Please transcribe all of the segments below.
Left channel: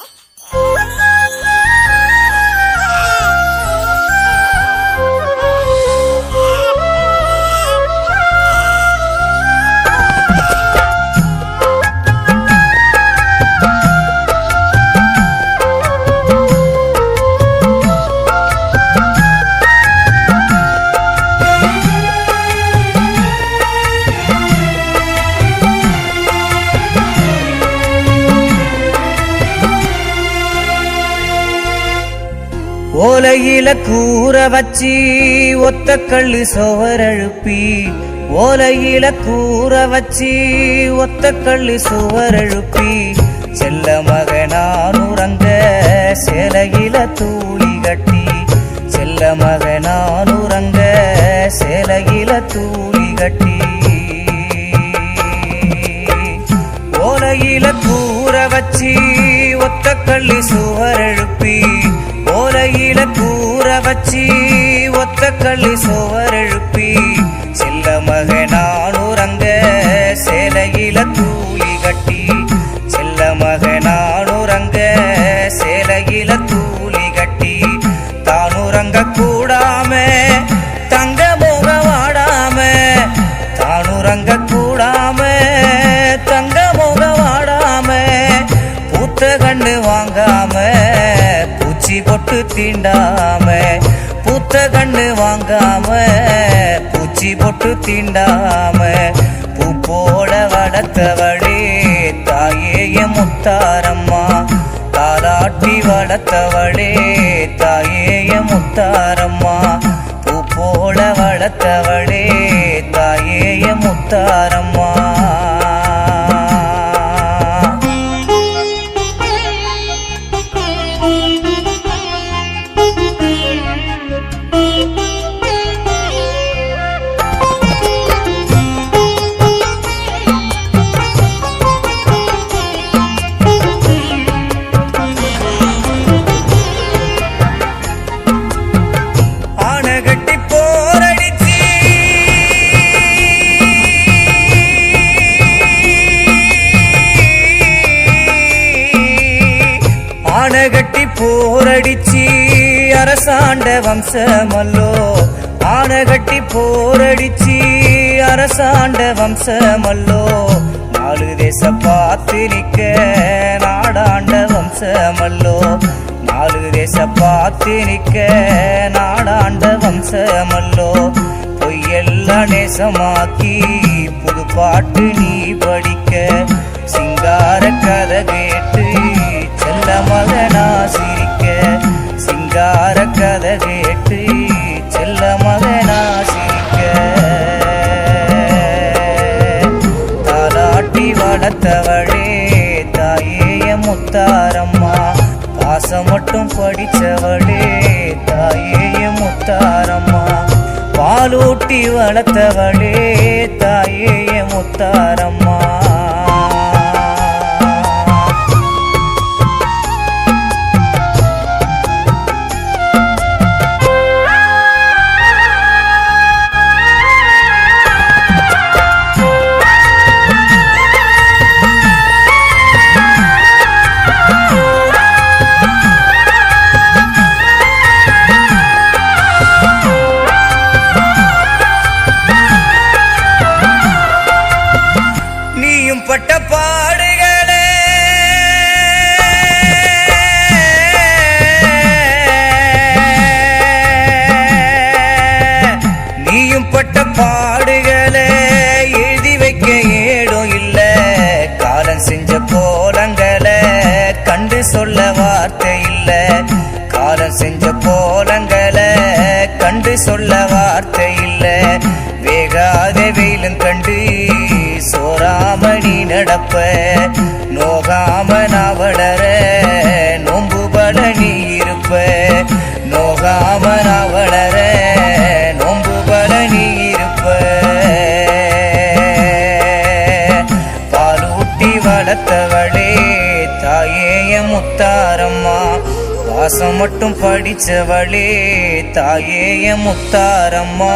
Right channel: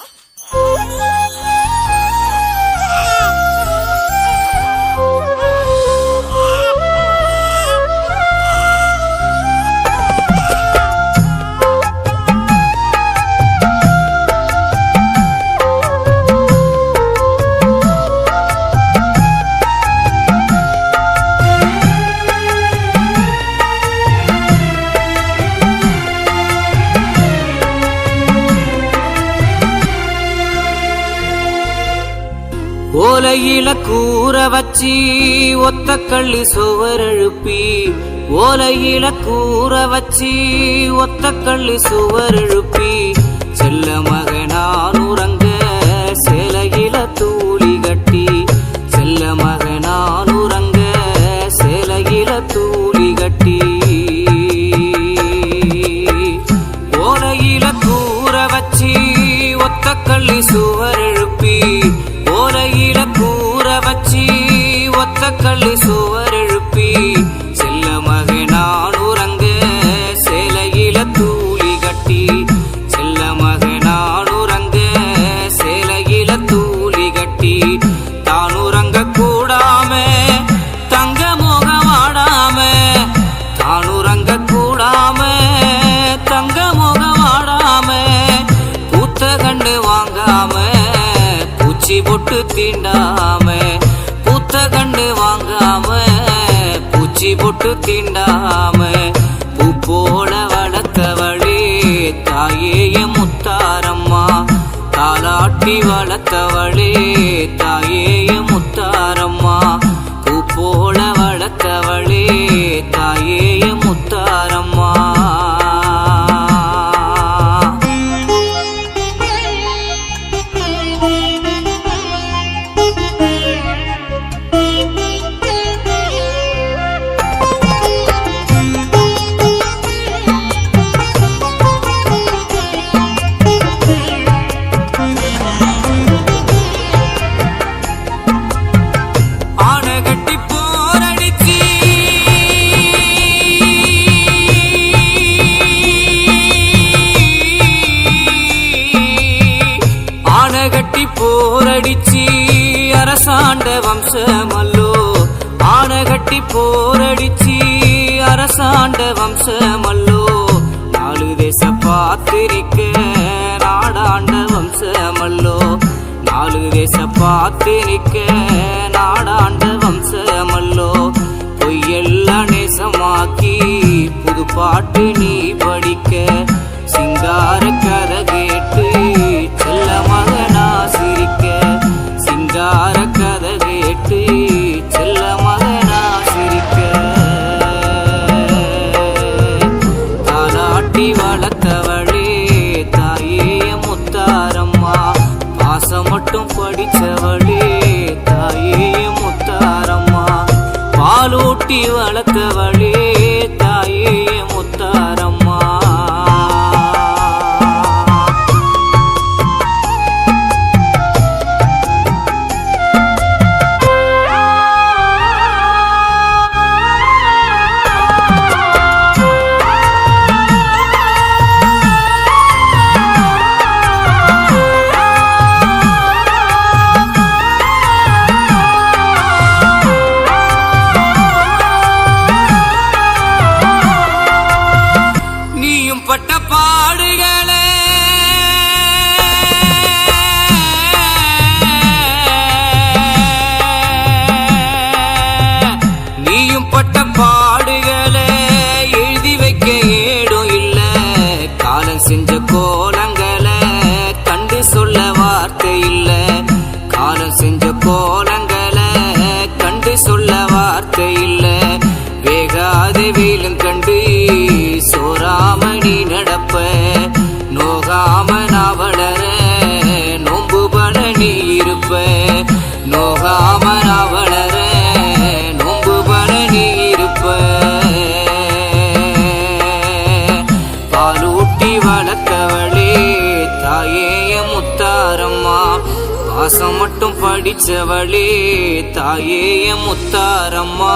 Ah! ஓலையில கூற வச்சி ஒத்த கல்லு சுவரெழுப்பி ஓலையில கூற வச்சி ஒத்த கல்லு சுவரெழுப்பி செல்ல மகனான் உறங்க சேலையில தூளி கட்டி. செல்ல மகனான் உறங்க சேலையில தூளி கட்டி. ஓலையில கூற வச்சி ஒத்த கள்ளி சுவர் எழுப்பி வச்சி ஒத்த கள்ளி சுவர் எழுப்பி செல்ல மகனான் உறங்க சேலையில தூளி கட்டி செல்ல மகனான் உறங்க சேலையில தூளி கட்டி தான் உறங்க கூடாம தங்க முகவாடாம தான் உறங்க கூடாம தங்க முகவாடாம பூத்த கண்ணு வாங்காம பூச்சி பொட்டு தீண்டாம. பூத்த கண்டு வாங்காம பூச்சி பொட்டு தீண்டாம பூ போல வளர்த்தவளே தாயே முத்தாரம்மா. தாலாட்டி வளர்த்தவளே தாயே முத்தார வம்சமல்லோ. ஆனகட்டி போரடிச்சி அரசாண்ட வம்சமல்லோ. நாலு தேச பார்த்து நிக்க நாடாண்ட வம்சமல்லோ. நாலு தேச பார்த்து நிக்க நாடாண்ட வம்சமல்லோ. பொய்யெல்லாம் நேசமாக்கி புது பாட்டு நீ படிக்க. சிங்கார கதை கேட்டு செல்ல மகனா சிரிக்க. சிங்கார கதை பாசம் மட்டும் படித்தவளே தாயே முத்தாரம்மா. பாலூட்டி வளர்த்தவளே தாயே முத்தாரம்மா. வளர்த்தவளே தாயேய முத்தாரம்மா. பாசம் மட்டும் படிச்சவளே தாயேய முத்தாரம்மா.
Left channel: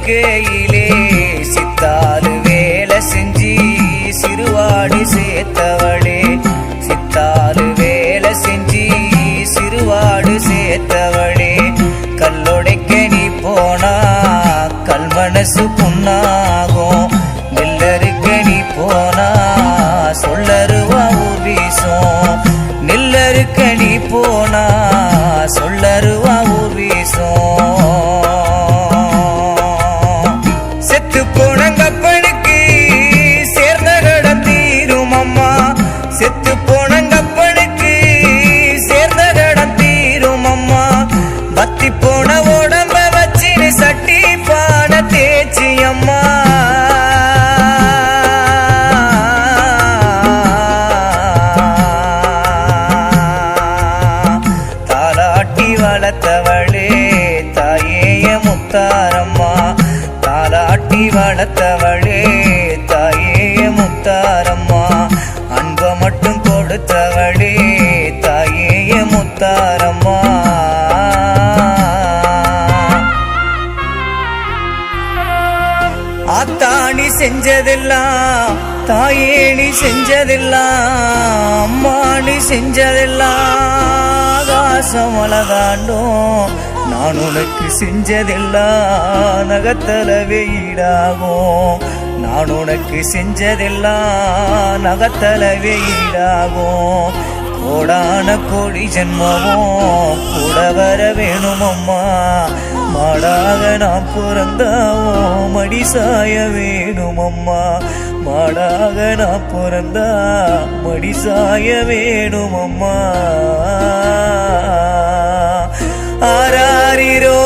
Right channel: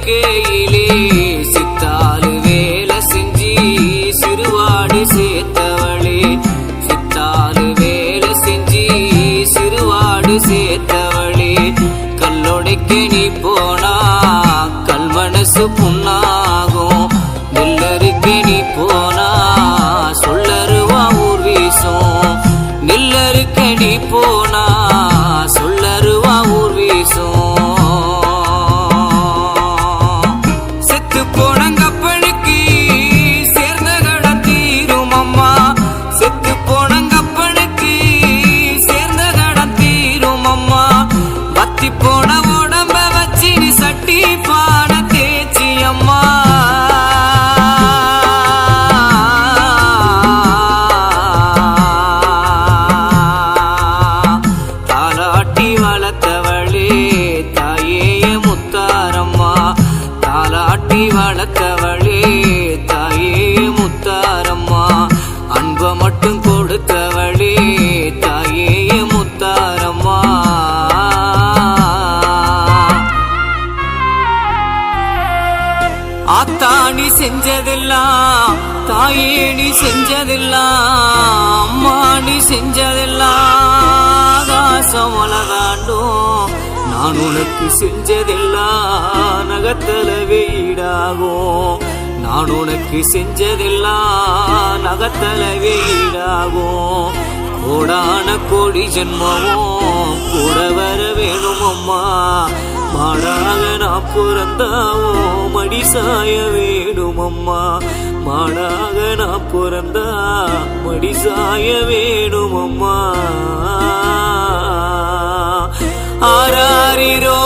இருக்கையிலே சித்தாலு வேலை செஞ்சி சிறுவாடி சேர்த்தவளே. சித்தாலு வேலை செஞ்சி சிறுவாடு சேர்த்தவளே. கல்லொடைக்க நீ போனா கல்மனசு புண்ணாகும். முத்தாரம்மா. அன்ப மட்டும் கொடுத்தவளே தாயே முத்தாரம்மா. ஆத்தாணி செஞ்சதெல்லாம் தாயே நீ செஞ்சதெல்லாம் அம்மாணி செஞ்சதெல்லாம் ஆகாசம் அழகாண்டும் நான் உனக்கு செஞ்சதெல்லாம் நகத்தல ஈடாகும். நான் உனக்கு செஞ்சதெல்லாம் நகத்தல ஈடாகும். கோடான கோடி ஜென்மமும் கூட வர வேணும் அம்மா மாடாக நான் பிறந்தாவோ மடி சாய வேணும் அம்மா மாடாக நான் பிறந்தா மடி சாய வேணும் அம்மா ஆராரிரோ.